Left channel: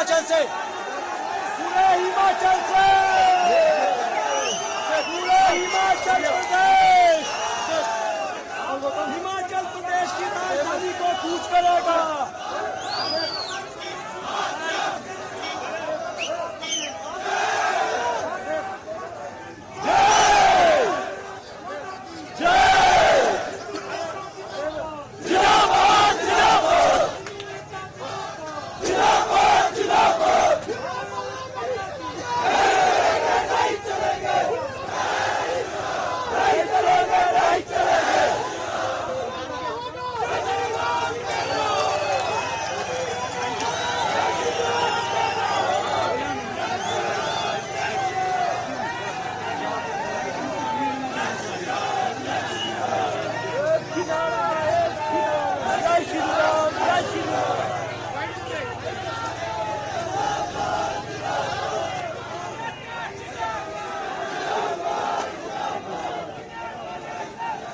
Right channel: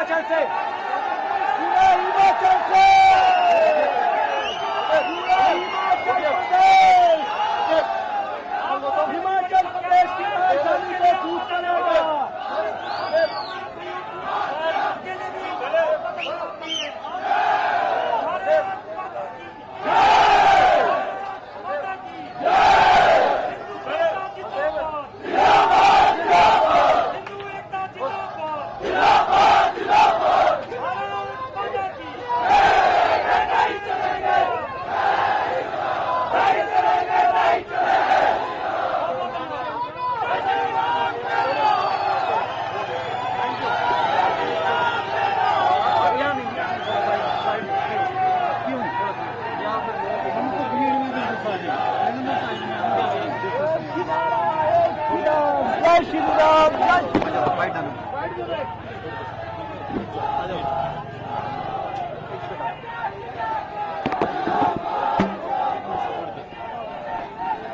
हिमाचल से, पूरे हिमाचल से, पूरा हिमाचल प्रदेश, हिमाचल प्रदेश की राजधानी को कूच करेगा।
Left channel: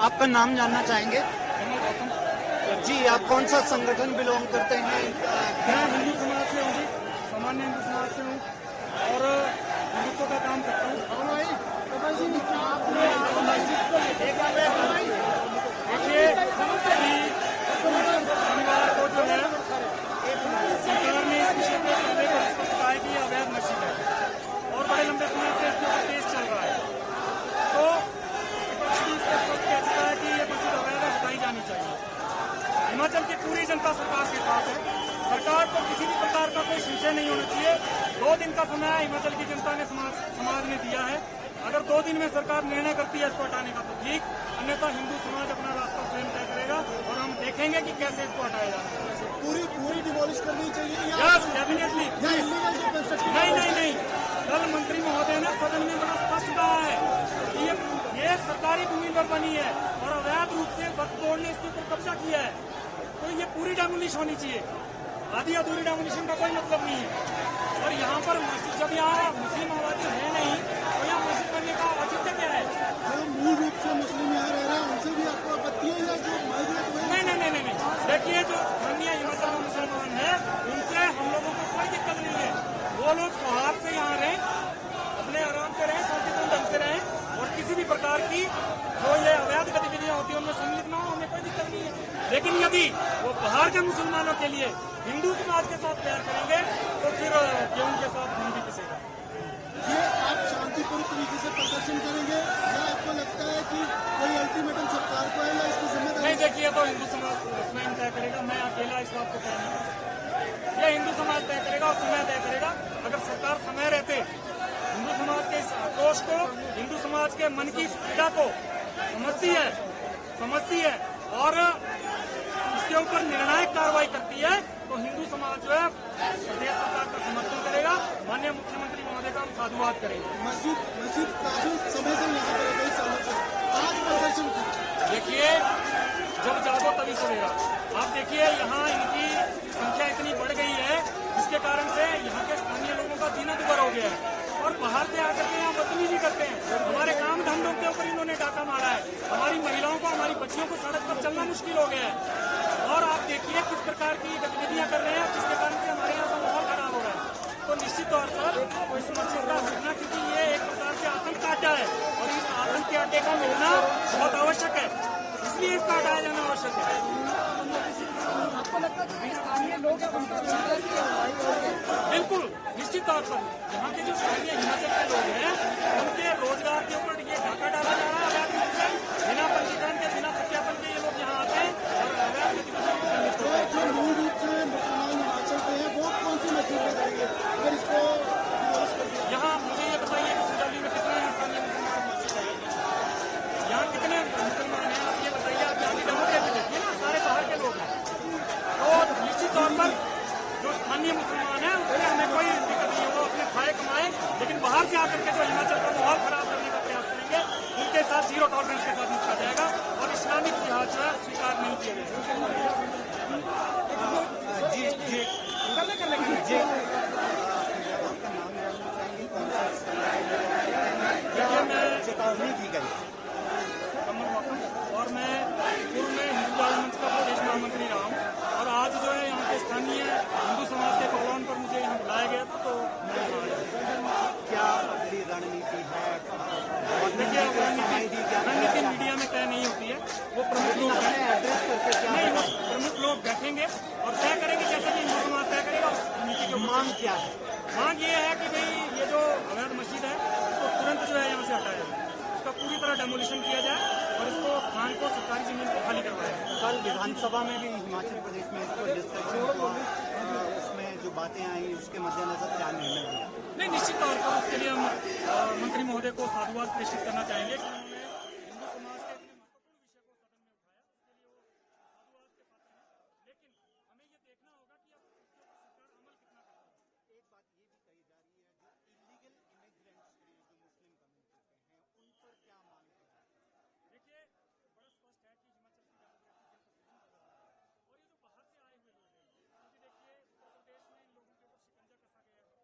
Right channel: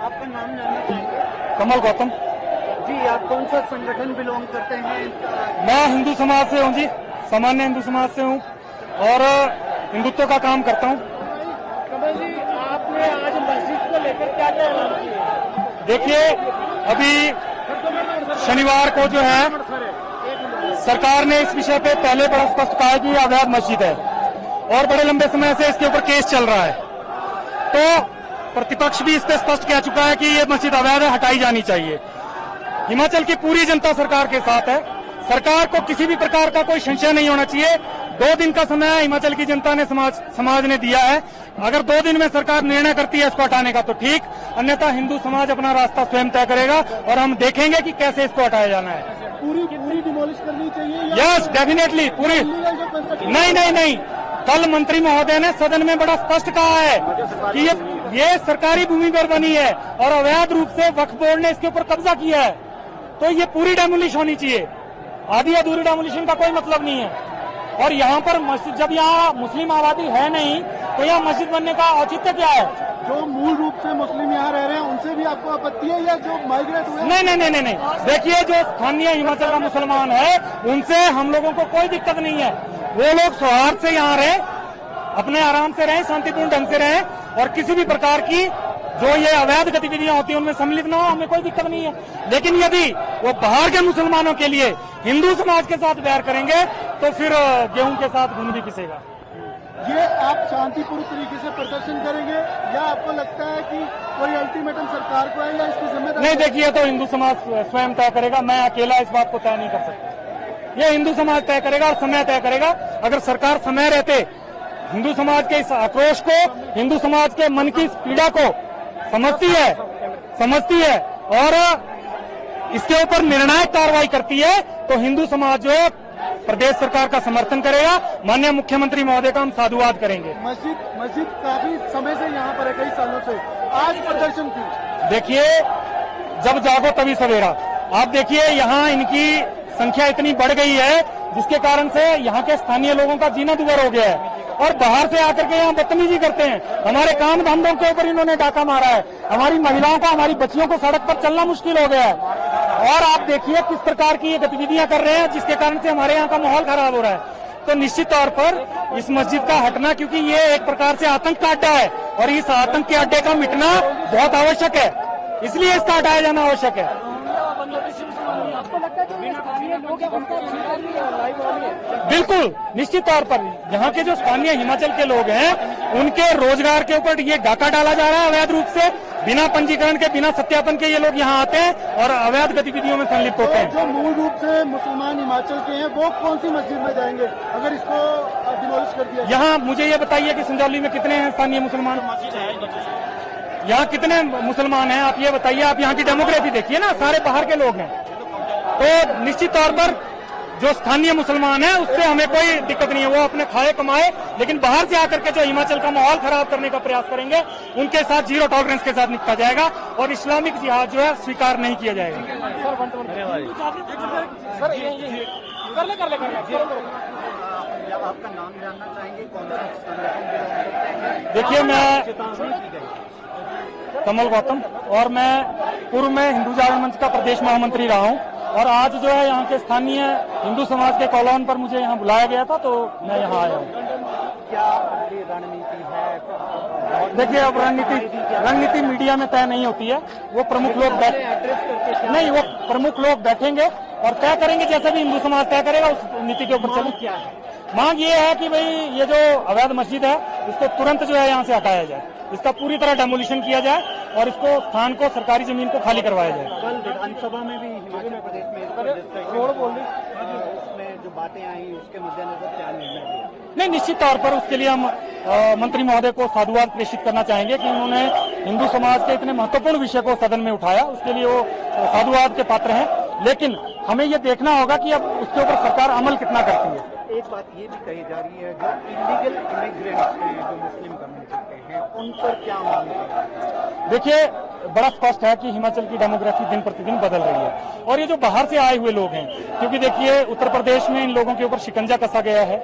आपका नाम जानना चाहेंगे? कमल गौतम जी, आप कौन सा संगठन बिलोंग करते हैं? मैं हिंदू समाज से हूँ जी, सामान्य हिंदू समाज से हूँ और हिंदुत्व का काम करता हूँ। कमल जी, आपने आज मस्जिद को लेकर क्या किया? देखिए, अभी शनिवार को जो है सरकार ने इस विषय पे पहले बड़ा स्पष्ट कहा कि ये अवैध मस्जिद है और बड़े लंबे समय से इसके ऊपर केस चल रहा है। तो प्रतिपक्ष भी इस पे स्पष्ट कह चुका है कि ये मस्जिद अवैध है, हटाई जानी चाहिए। हिमाचल की पूरी जनता सरकार के साथ है। सरकार को किसी भी प्रकार का कोई संशय नहीं होना चाहिए। 2 दिन का समय हिमाचल की जनता ने समाज ने दिया है। अगर 2 दिन में सरकार निर्णय करती है इसको हटाने का तो ठीक, अन्यथा हिंदू समाज अपना रास्ता स्वयं तय करेगा और हम देखेंगे कि कैसे इसको हटाया जाना है। पूरी डिमोलिश करनी चाहिए? यस, डेफिनेटली पूरी। नहीं, कल मंत्री महोदय ने सदन में बड़ा स्पष्ट कहा है कि ये सरकारी भूमि पर बनी है और अवैध रूप से वक्फ बोर्ड ने इसके ऊपर कब्जा किया है, तो ये पूरी डेमोलिश होनी चाहिए। आधी अधूरी डेमोलिशन का कोई मतलब नहीं है। और यहाँ पर मस्जिद, जब यहाँ मुस्लिम आबादी है नहीं तो यहाँ मस्जिद बनने का औचित्य क्या है? जो मूल रूप से मुस्लिम यहाँ रह रहे हैं उनसे भी आपको आपत्ति है या जो माइग्रेट हुए? नहीं। देखिए, जो स्थानीय हिमाचल का मुसलमान है उनसे हम लोगों को कोई दिक्कत नहीं है। वो लोग सौहार्द से यहाँ रहे, अपने आराम से रहें, शांतिपूर्ण ढंग से रहें और किसी भी प्रकार की जो ये अवैध गतिविधियां होती है उनमें सम्मिलित न हो, हमें कोई दिक्कत नहीं है। लेकिन यदि वो बाहर के मुसलमानों के लिए हिंदू समाज के साथ बैर करेंगे तो फिर गेहूं के साथ घुन भी पिसेगा। ये आप शांतिपूर्ण तरीके से प्रदर्शन करेंगे या आपको लगता है कि कोई अल्टीमेटम सरकार को है या इसकी जिम्मेदारी? नहीं, देखिए, तो हिंदू समाज स्वयं तय करेगा। मैं अकेला इस बात को तय नहीं कर सकता। ये हिंदू समाज तय करेगा और समय तय करेगा। अगर सरकार समय रहते हिंदू समाज के इस आक्रोश को, हिंदू समाज के मन की पीड़ा को समझती है और इसके ऊपर निर्णायक कार्रवाई करती है तो हिंदू समाज जो है प्रदेश सरकार का समर्थन करेगा। माननीय मुख्यमंत्री महोदय का हम साधुवाद करेंगे। मस्जिद काफी समय से यहाँ पर है, कई सालों से, आज प्रदर्शन की। देखिए, जब जागो तभी सवेरा। आप देखिए, यहाँ इनकी संख्या इतनी बढ़ गई है जिसके कारण से यहाँ के स्थानीय लोगों का जीना दुभर हो गया है और बाहर से आकर के यहाँ बदतमीजी करते हैं। हमारे काम धंधों के ऊपर इन्होंने डाका मारा है। हमारी महिलाओं को, हमारी बच्चियों को सड़क पर चलना मुश्किल हो गया है और आप देखिए किस प्रकार की ये गतिविधियां कर रहे हैं जिसके कारण से हमारे यहाँ का माहौल खराब हो रहा है। तो निश्चित तौर पर इस मस्जिद का हटना, क्योंकि ये एक प्रकार से आतंक का अड्डा है और इस आतंक के अड्डे का मिटना बहुत आवश्यक है, इसलिए इसका हटाया जाना आवश्यक है। बिल्कुल, निश्चित तौर पर यहाँ के जो स्थानीय हिमाचल के लोग हैं उनके रोजगार के ऊपर ये डाका डाला जा रहा है अवैध रूप से। बिना पंजीकरण के, बिना सत्यापन के ये लोग यहाँ आते हैं और अवैध गतिविधियों में संलिप्त होते हैं। जो मूल रूप से मुसलमान हिमाचल के हैं वो कौन सी मस्जिद में जाएंगे अगर इसको डिमोलिश कर दिया? यहाँ मुझे ये बताइए कि संजौली में कितने हैं स्थानीय मुसलमान? यहाँ कितने मुसलमान हैं आप ये बताइए। आप यहाँ की डेमोग्राफी देखिए ना, सारे बाहर के लोग हैं। तो निश्चित तौर पर जो स्थानीय मुसलमान है उससे हमें कोई दिक्कत नहीं है, वो अपने खाए कमाए, लेकिन बाहर से आकर के जो हिमाचल का माहौल खराब करने का प्रयास करेंगे उनके साथ जीरो टॉलरेंस के साथ निपटा जाएगा और इस्लामिक जिहाद जो है स्वीकार नहीं किया जाएगा। आपका नाम जानना चाहेंगे, कौन सा संगठन बिलोंग करते हैं? देखिए, मैं चेतावनी की गई। कमल गौतम और मैं पूर्व में हिंदू जागरण मंच का प्रदेश महामंत्री रहा हूँ और आज जो है यहाँ के स्थानीय हिंदू समाज के कॉलोन पर मुझे यहाँ बुलाया गया था, तो मैं यहाँ आया हूँ। क्या अगली रणनीति है? देखिए, अब रणनीति मीडिया में तय नहीं होती है, वो प्रमुख लोग एड्रेस करके क्या नहीं, वो प्रमुख लोग बैठेंगे और तय करेंगे, जैसे भी हिंदू समाज तय करेगा उस नीति के ऊपर चलेंगे। क्या है? मांग ये है कि भाई ये जो अवैध मस्जिद है इसको तुरंत जो है यहाँ से हटाया जाए, इसका पूरी तरह डेमोलिशन किया जाए और इसको स्थान को, सरकारी जमीन को खाली करवाया जाए। कल विधानसभा में भी हिमाचल प्रदेश में इस पर डिस्कशन हुआ, उसमें जो बातें आई उसके मद्देनजर क्या निर्णय हुआ? नहीं, निश्चित तौर पर उसके लिए हम मंत्री महोदय को साधुवाद प्रेषित करना चाहेंगे कि उन्होंने हिंदू समाज के इतने महत्वपूर्ण विषय को सदन में उठाया, उसके लिए वो साधुवाद के पात्र हैं। लेकिन हमें ये देखना होगा कि अब उसके ऊपर सरकार अमल कितना करती है। एक बात ये भी कही जा रही है, जो इलीगल इमिग्रेंट्स हैं, जो मुस्लिम कम्युनिटी के हैं, उन पर क्या मांग है? देखिए, बड़ा स्पष्ट है कि हिमाचल की डेमोग्राफी दिन प्रतिदिन बदल रही है और ये जो बाहर से आए हुए लोग हैं, क्योंकि देखिए उत्तर प्रदेश में इन लोगों के ऊपर शिकंजा कसा गया है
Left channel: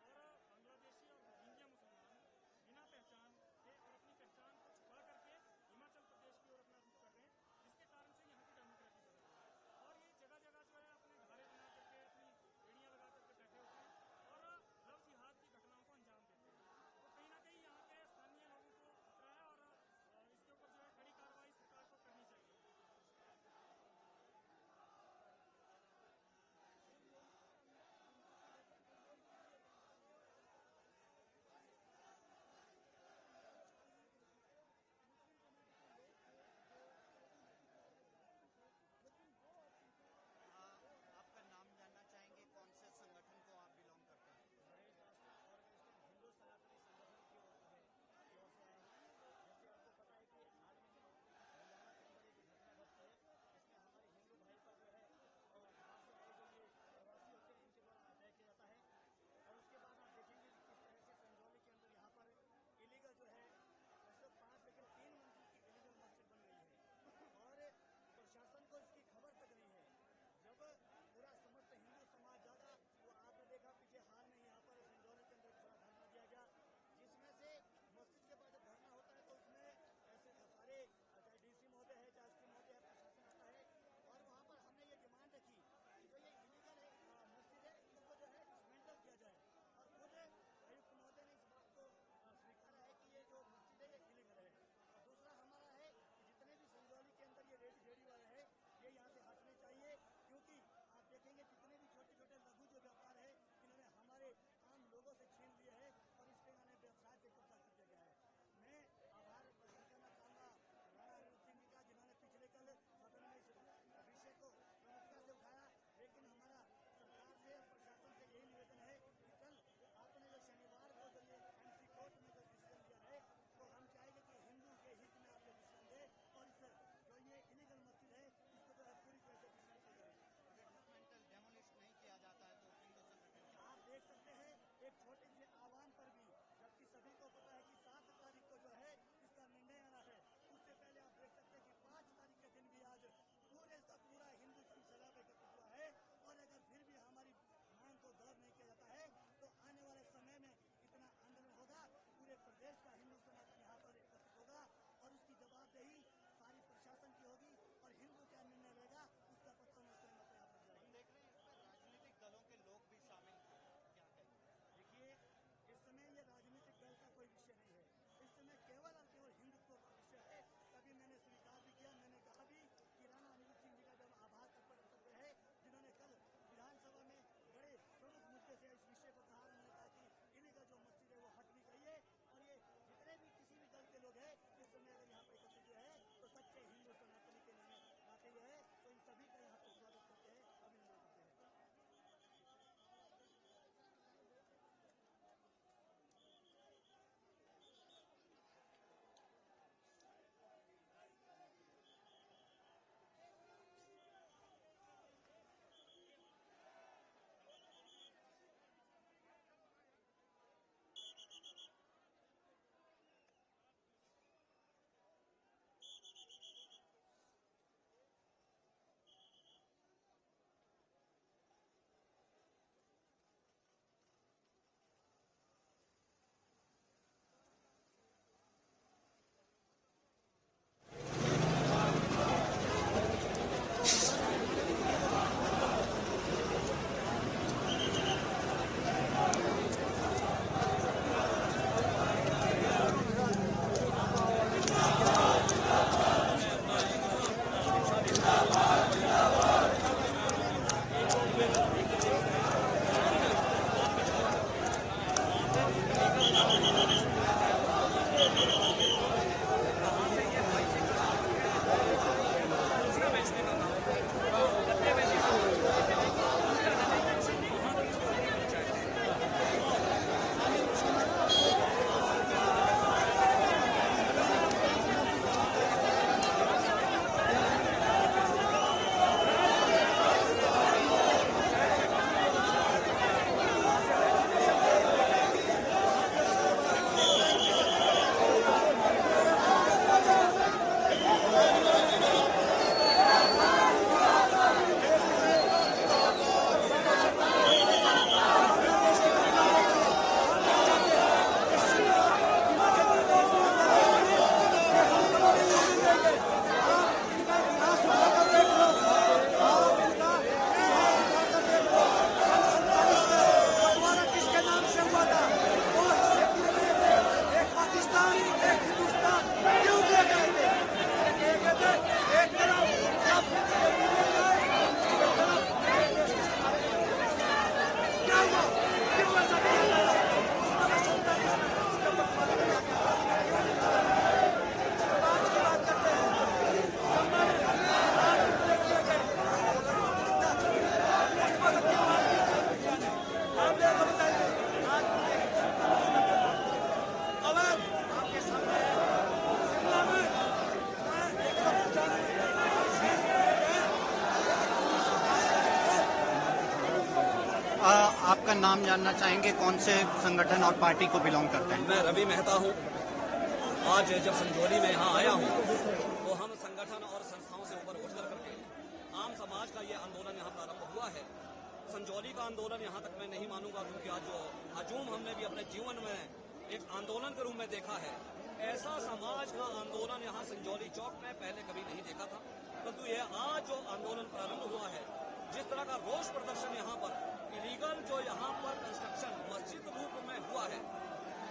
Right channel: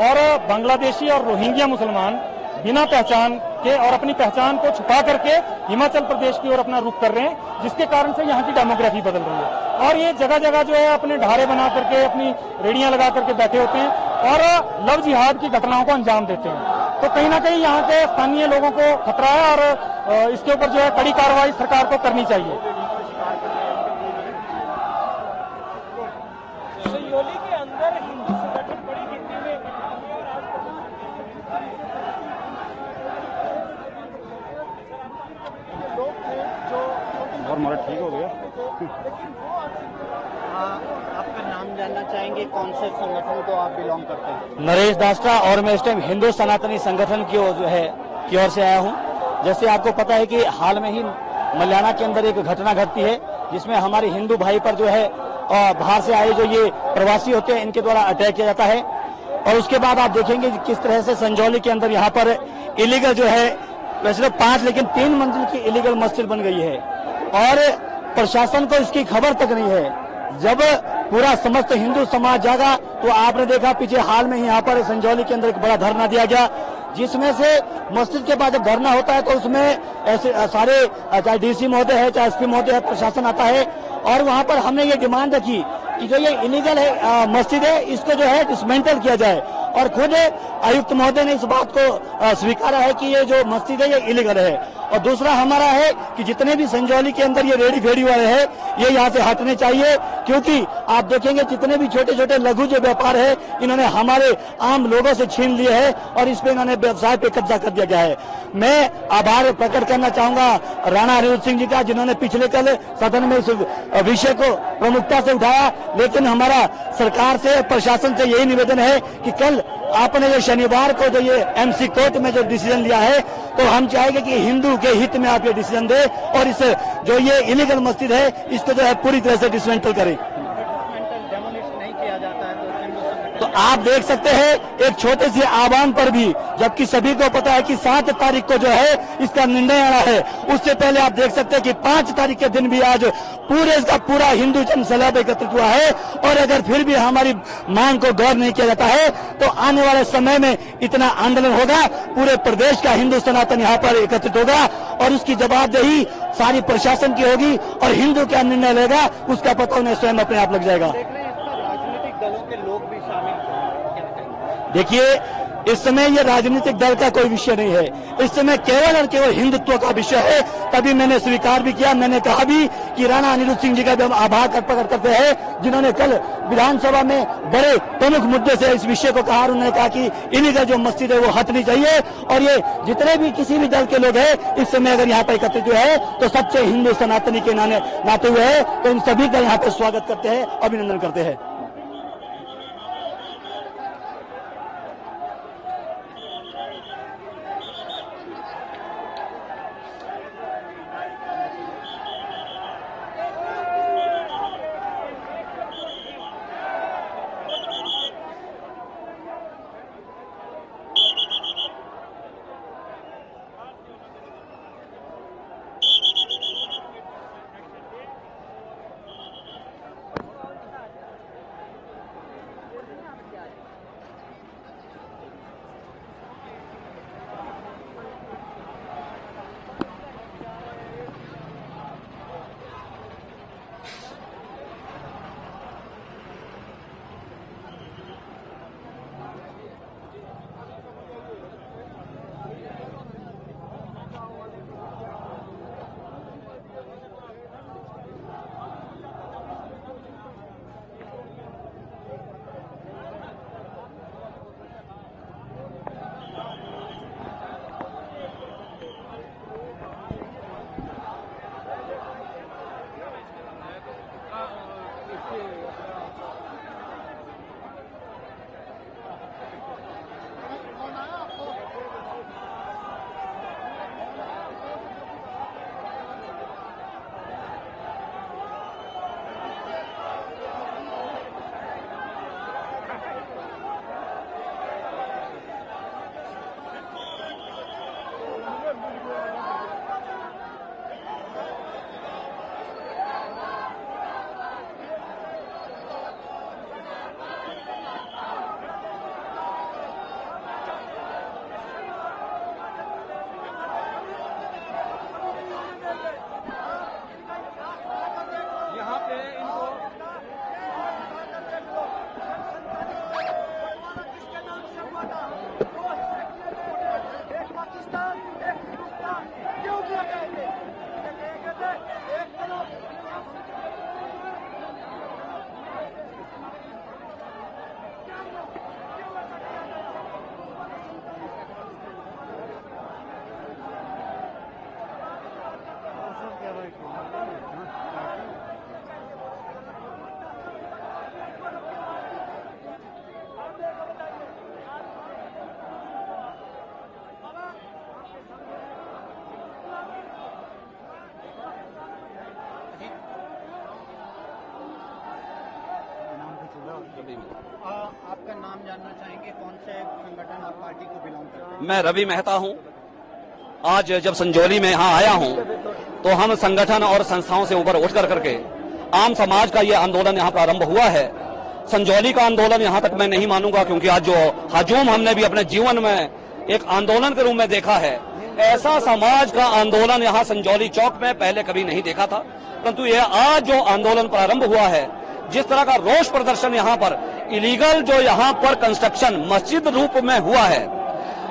और बांग्लादेशी और रोहिंग्या मुसलमान बिना पहचान के और अपनी पहचान को छुपा करके हिमाचल प्रदेश की ओर अपना रुख कर रहे हैं, जिसके कारण से यहाँ की डेमोग्राफी बदल रही है। और ये जगह जगह जो है अपने ढारे बना करके, अपनी रेडियां लगा करके बैठे होते हैं और लव जिहाद की घटनाओं को अंजाम देते हैं। तो कहीं ना कहीं यहाँ के स्थानीय लोगों को खतरा है और इसके ऊपर जो है कड़ी कार्रवाई सरकार को करनी चाहिए। सयोली के अंदर हिंदू संगठन बड़ी गिनती में लोग थे जो और हमारा ठीक हो गया। आपका नाम जानना चाहेंगे, कौन से संगठन को आप बिलोंग करते हैं? नरेश दास्ता, और मैं इस टाइम हिंदू सनातनी संगठन की ओर से आया हूं। जैसे आपको पता है कि हाल में ही मल्याना के अंदर एक घटना घटती है जिसमें हमारे हिंदू भाई पर जो है बाहर से आए जो ये प्रवासी होते हैं इनके द्वारा अटैक किया जाता है। और उसके बाद आप देखेंगे किस तरह से संजौली के अंदर यहाँ पर इलीगल जो है, वैसे तो 5 लेकिन 3 मंजिल की इलीगल मस्जिद बन गई है और प्रशासन को इसकी खबर तक नहीं है। जब पूरा समस्त हिंदू समाज जागा तो आपने देखा पीछे हाल में ही यहाँ पर संजौली के अंदर एक बड़ा धरना दिया गया, जिसमें से मस्जिद के बाद जब धरना होता है तो उसमें ऐसे सारे, चाहे डीसी महोदय है, चाहे एसपी महोदय है, प्रशासन आता है और वहाँ पर हमने ये डिमांड रखी कि जो ये इलीगल है मस्जिद है इसको जो है डिसमेंटल किया जाए। और खुद आयुक्त महोदय ने इस बात को स्वीकारा है कि ये जो मस्जिद है ये इलीगल है। और दूसरा हमारा है कि जितने भी संजौली के अंदर ये रेडी फेडी वाले हैं ये यहाँ से हटने चाहिए, क्योंकि आप देखेंगे जितने भी छोटे छोटे लघु जो व्यापार है इन्होंने हमारे आम लोगों से छीन लिए है और इस पे इन्होंने व्यवसाय पे कब्जा कर दिया गया है। मैं आभार प्रकट करना चाहूंगा राणा अनिरुद्ध सिंह जी का, जिन्होंने पिछले कल सदन में इस विषय को प्रमुखता से उठाया। लेकिन हमारा सरकार से, प्रशासन से यही निवेदन है कि कल आपने जो शनिवार को जो ये एमसी कोर्ट में जो डिसीजन लिया है तो हम चाहेंगे कि हिंदू के हित में आप ये डिसीजन दे और इस जो ये इलीगल मस्जिद है इसको जो है पूरी तरह से डिसमेंटल करें। तो आप देख सकते हैं एक छोटे से आह्वान पर भी, जबकि सभी को पता है कि 7 तारीख को जो है इसका निर्णय आना है, उससे पहले आप देख सकते हैं कि 5 तारीख के दिन भी आज पूरे का पूरा हिंदू जन सैलाब एकत्रित हुआ है। और अगर फिर भी हमारी मांग को गौर नहीं किया जाता है तो आने वाले समय में इतना आंदोलन होगा, पूरे प्रदेश का हिंदू सनातन यहाँ पर एकत्रित होगा और उसकी जवाबदेही सारी प्रशासन की होगी और हिंदू क्या निर्णय लेगा उसका पता उन्हें स्वयं अपने आप लग जाएगा। दलों के लोग भी शामिल हैं। देखिए, इस समय ये राजनीतिक दल का कोई विषय नहीं है, इस समय केवल और केवल हिंदुत्व का विषय है। तभी मैंने स्वीकार भी किया, मैंने कहा भी कि राणा अनिरुद्ध सिंह जी का भी हम आभार प्रकट करते हैं, जिन्होंने कल विधानसभा में बड़े प्रमुख मुद्दे से इस विषय को कहा। उन्होंने कहा कि इलीगल जो मस्जिद है वो हटनी चाहिए और ये जितने भी किसी भी दल के लोग हैं इस समय अगर यहाँ पर एकत्रित हुए हैं तो सच्चे हिंदू सनातनी के नाते हुए हैं, तो इन सभी का यहाँ पे स्वागत करते हैं, अभिनंदन करते हैं। आपका नाम जानना चाहेंगे, कौन से संगठन और पार्टी को बिलोंग करते हैं? मैं रवि मेहता हूं। आज जब संजौली में यहाँ आया हूं तो हम संगठन और संस्थाओं से ऊपर उठ करके आम समाज का ये आंदोलन यहाँ प्रारंभ हुआ है। संजौली का आंदोलन यहाँ तक मैं नहीं मानूंगा, क्योंकि आज जो हजूम हमने भी अपने जीवन में एक आंदोलन के रूप में देखा है, ऐसा समाज का आंदोलन यहाँ संजौली चौक में पहले कभी नहीं देखा था। परंतु ये आज जो आंदोलन प्रारंभ हुआ है, जिस तरह का रोष प्रदर्शन यहाँ पर इलीगल जो यहाँ पर कंस्ट्रक्शन मस्जिद रूप में हुआ है,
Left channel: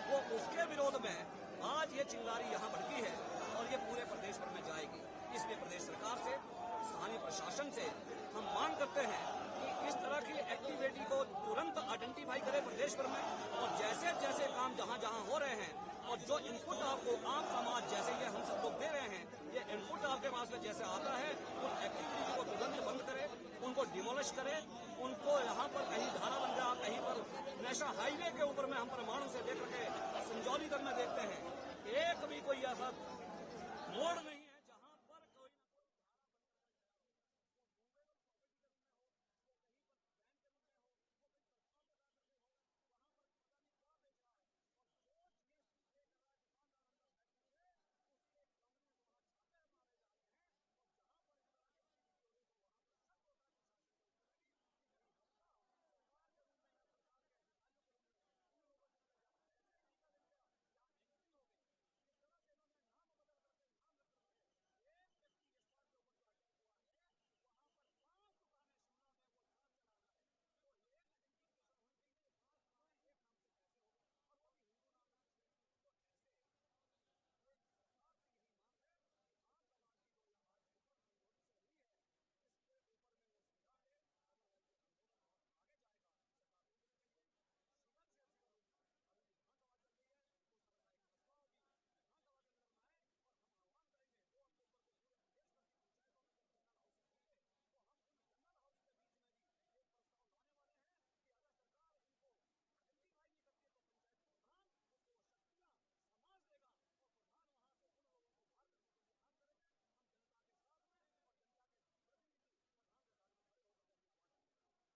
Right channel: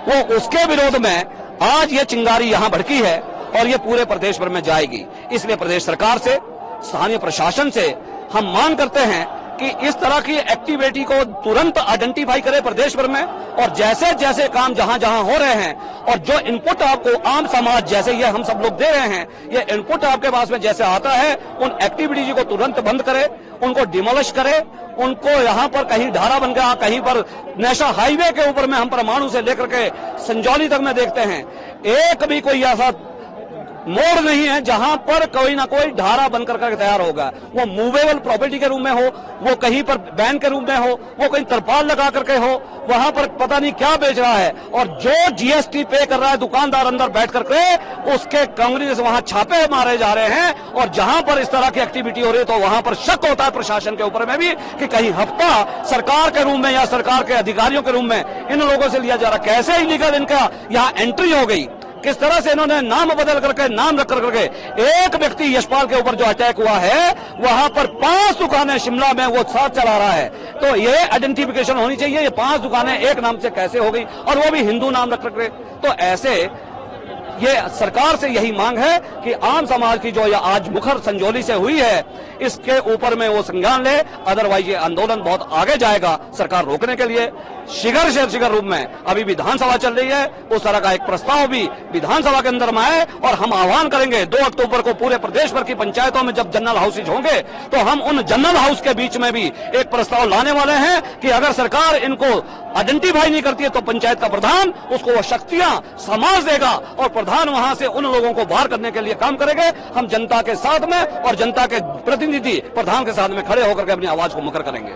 वो उसके विरोध में आज ये चिंगारी यहाँ भड़की है और ये पूरे प्रदेश भर में जाएगी। इसलिए प्रदेश सरकार से, स्थानीय प्रशासन से हम मांग करते हैं कि इस तरह की एक्टिविटी को तुरंत आइडेंटिफाई करे प्रदेश भर में, और जैसे जैसे काम जहां जहां हो रहे हैं और जो इनपुट आपको आम समाज जैसे ये हम सब लोग दे रहे हैं, ये इनपुट आपके पास में जैसे आता है, उन एक्टिविटीज को तुरंत बंद करे, उनको डिमोलिश करे, उनको यहाँ पर कहीं ढारा बन गया, कहीं पर नेशनल हाईवे के ऊपर में हम परमाणु से लेकर के संजौली तक में देखते हैं, एक भी कोई ऐसा मोड़ नहीं है जहां पर कोई ना कोई ढारा बनकर कर तैयार होगा। वो मूवेबल प्रॉपर्टी के रूप में हो, वो कहीं पर बैन के रूप में हो, वो कहीं तरपाल लगा करके हो, वहां पर पता नहीं क्या बेच रहा है, और जो जीएसटी पे कर रहा है दुकानदार अंदर बैठ करके, उसके कांग्रेस वहां छापे मारे जा रहे हैं। और जहां पर इस तरह की एक्टिविटी हो रही है तो वहां पर शक होता है प्रशासन के ऊपर में भी कि कहीं हफ्ता सरकार के रूप में या सरकार के अधिकारियों के रूप में इन लोगों से लिया जा रहा। कैसे इलीगल इनका यहाँ एंट्री हो गई, किस तरह से इन्होंने नाम बदल करके, नाम रख करके, एक व्यक्ति यशपाल के ऊपर जो अटैक हुआ है, वहां पर 5 दुकानें शिमला में वो साथ चला रहा है। तो ये आइडेंटिफिकेशन होनी चाहिए, ये 5 दुकानें एक नाम से कैसे हो गई, और वो भी हिंदू नाम रख करके। तो ऐसे ये सरकार से यही मांग है कि आम समाज की जो ये आज मुखर संजौली से हुई है, इसके ऊपर में वो संज्ञान ले, अदरवाइज ये आंदोलन बहुत आगे जाएगा। सरकार रोकने के लिए शीघ्र रूप में अभी विधानसभा चल रही है, उस तरह का एक प्रस्ताव भी विधानसभा के अंदर में आए, और हम आह्वान करेंगे 2 अक्टूबर को पूरे प्रदेश भर की पंचायतों में जब जनरल हाउसेज होंगे तो हम उन जनरल हाउस के बीच में भी एक प्रस्ताव लाने वाले हैं कि अगर सरकार इनको आइडेंटिफाई नहीं करती है तो पंचायत का प्रधान उसको वो शक्तियां समाज देगा, और प्रधान वहां से उन लोगों को बाहर करने के लिए काम करेंगे। हम जनता के साथ में और जनता के प्रतिनिधि प्रधान के साथ में खड़े होकर के अपनी आवाज को मुखर करेंगे।